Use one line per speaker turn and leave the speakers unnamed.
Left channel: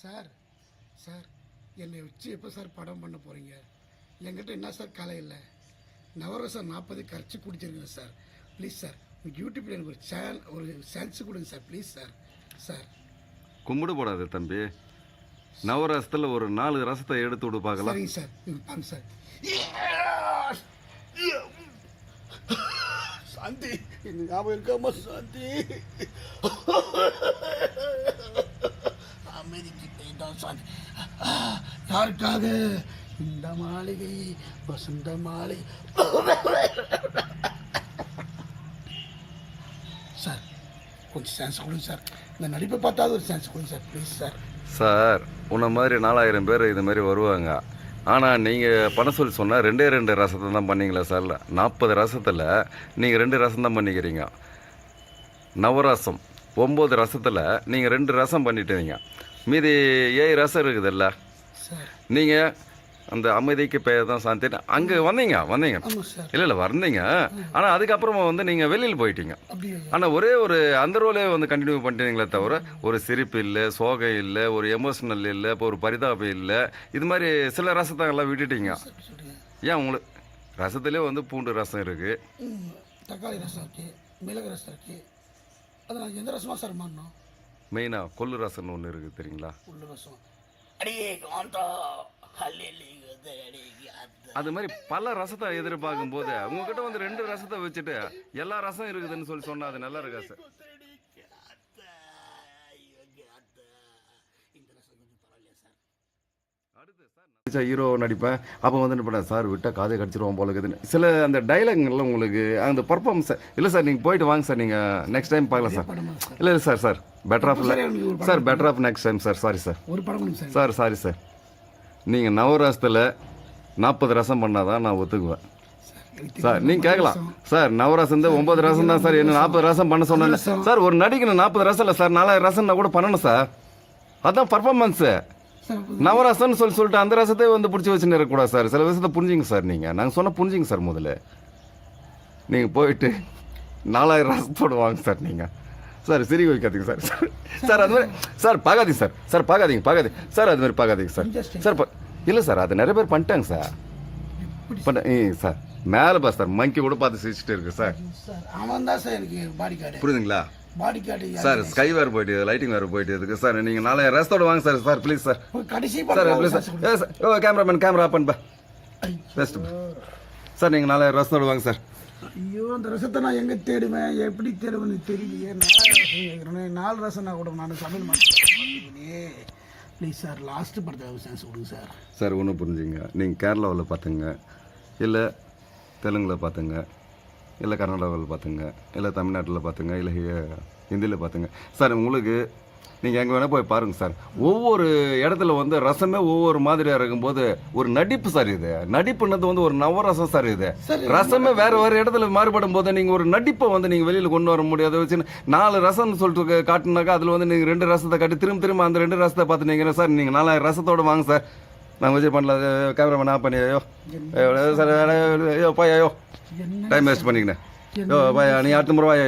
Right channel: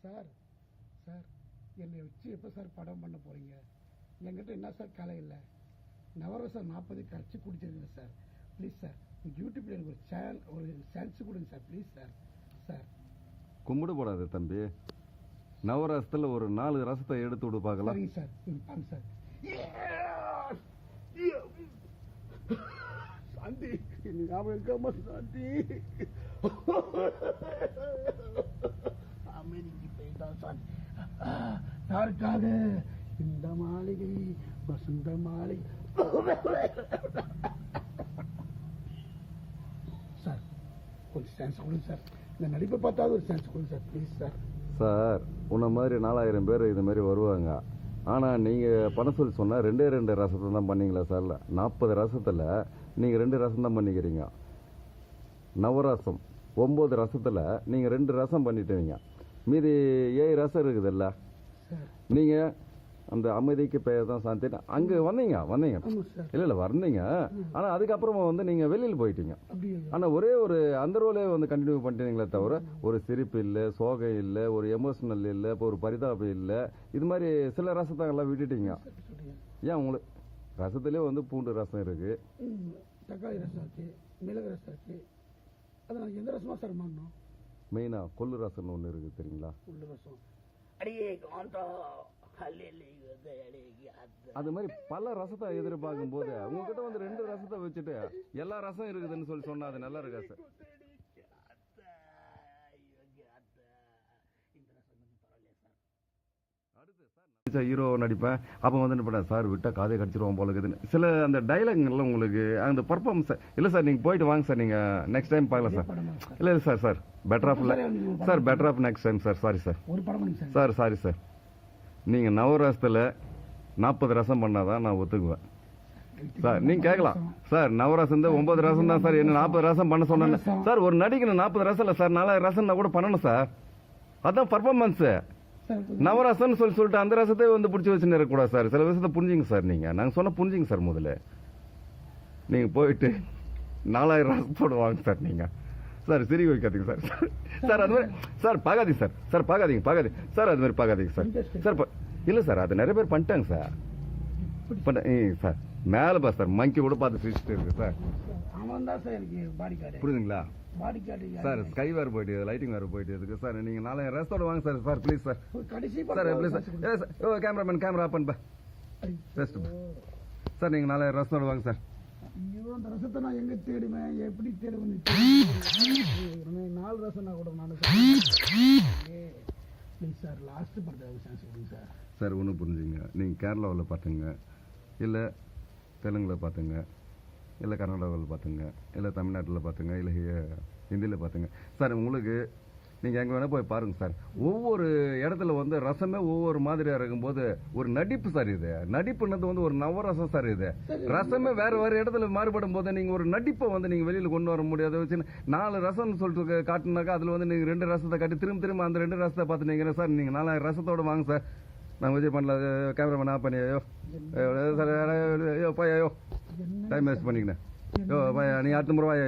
Sir sir என்னை வச்சு எப்போ சார் படம் பண்ண போகிறீங்க என்கிட்ட என்ன சார் கலை இல்லை? நவரசம் நாற்பது கரைச்சி குடிச்சிருக்கேன் சார். ப்ளீஸ் சார் உங்கள் யூடியூப்பில் எனக்கு ஒரு சேனல் ஒரு சான்ஸ் கொடுங்க சார் ப்ளீஸ் சார். சார்.
கும்பிடு போடாது தம்பி. நவரசத்தில் ஒரு நாலு ரசத்தை எடுத்து விடு பார்க்கலாம்.
சரிங்க சார் பாருங்க சார். சாந்தி ஞாபகம் இருக்காமா சாந்தி அமைதிக்கு போயிட்டான் சாந்தி ஆ, யாருக்காக? இந்த மாளிகை வசந்த மாளிகை. சார் கொஞ்சம் சான்ஸ் கொடுங்க சார். இந்த நடிப்பை பார்த்தாவது ஒரு சான்ஸ் கொடுங்க சார் ப்ளீஸ் சார்.
சார் உன்னை மாதிரி நாலாயிரம் பேர் இது மாதிரி வருவாங்க. ஆனால் நீங்கள் பண்ண சொல்லி சொன்னால் ரெண்டே ரெண்டு ரசத்தை தான் பண்ணீங்களா சார்? நாற்பது ரசத்தில் நீங்கள் ரெண்டு ரசம் தான் பண்ணிக்கிறீங்க. நவரசம் ஒம்பது ரசத்தில் நீங்கள் ரெண்டு ரசம் பண்ணிட்டீங்க மீதி ஏழு ரசம் இருக்குதுல்ல. நீங்கள் அந்த அமைதிக்கு பெயர் தான் சாந்தி அங்கே வந்தீங்க வந்தீங்க. இல்லை இல்லை வந்தீங்க. ஆனால் அதுக்கப்புறமா வந்து நீங்கள் வெளியில் போயிட்டீங்க. ஆனால் ஒரே ஒரு அந்த ரோலே வந்து கண்டினியூ பண்ணிட்டீங்களே தவிர ஒரு சிரிப்பு இல்லை சோகை இல்லை ஒரு எமோஷனல் இல்லை இப்போ ஒரு பரிதாபம் இல்லை. இது மாதிரி சில ரசத்தை எல்லாம் விட்டுட்டீங்க. ஏன் உங்களுக்கு ரசத்துலேயே வந்து பூண்டு ரசம் இருக்குது
தக்காளி ரசம் இருக்கு மிளகு ரசம் இருக்கு. அது நான் எந்த ரசமா சார் மாறணும்?
மெயினாக கொள்ளு ரசம்னு ஒன்று இருக்குது தெரியுங்களா?
உள்ள ரசம்.
அது மாதிரி பல ரசத்தை எதிர்பார்க்கும் போது உங்ககிட்ட வந்து ரெண்டு ரசத்தை வச்சுட்டு எல்லா ரசம் இருக்குதுன்னு சொல்லி சொன்னா அது நல்லா இருக்கா சார்
இந்த ரசம் கொஞ்சம் பரவாயில்லையா சார்
அடுத்து சார் ஹீரோ நடிப்பேன். அப்போ வந்து என்ன பண்ணேன் சார் விட்டால் காதை கடிச்சிருவோம் போல இருக்குதுன்னு சில அந்த டைலாக்லாம் உங்களுக்கு அந்த பர்ஃபார்மன்ஸ் இல்லை சார் நீங்கள் போயிட்டு வாங்க சார் நீங்கள் நெக்ஸ்ட் டைம் பார்க்கலாம் சார். இல்லை இல்லை சார் சார். பெட்டர் ஆஃப்
சரி,
better off next time sir. Sorry sir.
ஒரு படம் பண்ணுங்க சார்
சார் சாரி சார். நீங்கள் நவரசத்தில் நாற்பது ரசம் பண்ணாதான் நான் ஒத்துக்குவேன். சார் நீங்கள் கேட்கலாம். சார் நவரசம் தான் ஒன்பது ரசம் தான் சார். என்ன நாற்பது ரசம் பண்ண சொன்னேன். சார் ஒரு நடிக்கணும் நாற்பது ரசம் இல்லை சார். நாலாயிரம் ரசம் நான் கூட பண்ணணும் சார். அதான் பர்ஃபார்மன்ஸு
சார்
நவரசம்னு சொல்லி சொல்லிட்டு அந்த ரசத்தை வந்து பிடிச்சி வச்சுன்னு இருக்கக்கூடாது சார். சில விஷயத்தை புரிஞ்சுங்க சார் நீங்கள் நாங்கள் சொன்ன புரிஞ்சுங்க சார் முதல்ல. நீங்கள் போயிட்டு நாலாயிரம் ரசத்தோடு வாங்க சார் நீங்கள் சார் சிரி வைக்காதீங்க சார். சார் அது மாதிரி சார் பார்க்காதீங்க சார். சார் பார்க்காதீங்க பார்க்காதீங்க. சார் அது மாதிரி பார்க்காதீங்க சார். சார் இல்லை சார் அது நிறைய பேர் பண்ணிட்டாங்க சார். பண்ண சார் மேலே பா சார். மங்கி கூட பார்த்து சிரிச்சிட்டு இருக்கு சார்.
சார் அவன் தான் சார் எனக்கு பாடி கார்டு
புரியுதுங்களா?
பாடி கார்டு
சார் ஸ்கை வேறு போயிட்டு லைட்டிங் வேறு போயிட்டு இருக்கு. சார் நீங்கள் நாலாயிரம் ரசத்தோட வாங்க சார் சார் ப்ளீஸ் சார்.
கடைசி
சார் ப்ளீஸ் சார். ஓ கேமராமேன் கேமரா ஆப்பன் பா. பெஸ்ட் சார் நீங்கள் நாலாயிரம் ரசத்தோட வாங்க சார்.
ஐயோ அந்த ரசத்தை நான் எங்க தேடுவேன்? எப்படி தேடுவேன்னு தெரியல. நாலு ரசம் நான் கூட நான் ப்ளீஸ் சார் லாஸ்ட் படத்தை சான்ஸ் கொடுங்க சார்.
சார் ஒன்றும் புரிஞ்சுங்க நீங்கள் கேரளாவில் பார்த்துங்க. இல்லை தெலுங்கில் பார்த்துங்க. இல்லை கர்நாடகாவில் பார்த்துங்க இல்லை தமிழ்நாட்டில் பார்த்துங்க இல்லை ஹிந்தியில் பார்த்துங்க சார் உங்களுக்கு நீங்கள் எங்கே வேணால் போய் பாருங்கள் சார். ஒவ்வொரு இடத்துல வந்து ரசமே ஒவ்வொரு மாதிரியாக இருக்கும்போது ஒரு நடிப்பு சார் இது. நடிப்புன்றது வந்து ஒரு நவரசம் சார் இது. ரசமே வேற வேறு இடத்துல மாறுபடும் போது நீங்கள் ஒரு நடிப்பை வந்து நீங்கள் வெளியில் கொண்டு வர முடியாது. வச்சு நாலு ரசம்னு சொல்லிட்டு காட்டுனாக்கா அதில் வந்து நீங்கள் ரெண்டு ரசத்தை காட்டி திரும்ப திரும்ப அந்த ரெண்டு ரசத்தை பார்த்து நீங்கள் சார் நீங்கள் நாலாயிரம் ரசத்தோட வாங்க சார். நான் விஜய் பண்ணல கேமராமேன் நான் பண்ணி ஐயோ. சார் ஐயோ பாய் ஐயோ. டைம் வேஸ்ட் பண்ணிக்கினேன். ஐயோ பாயா நீ அடுத்த முறை வாய்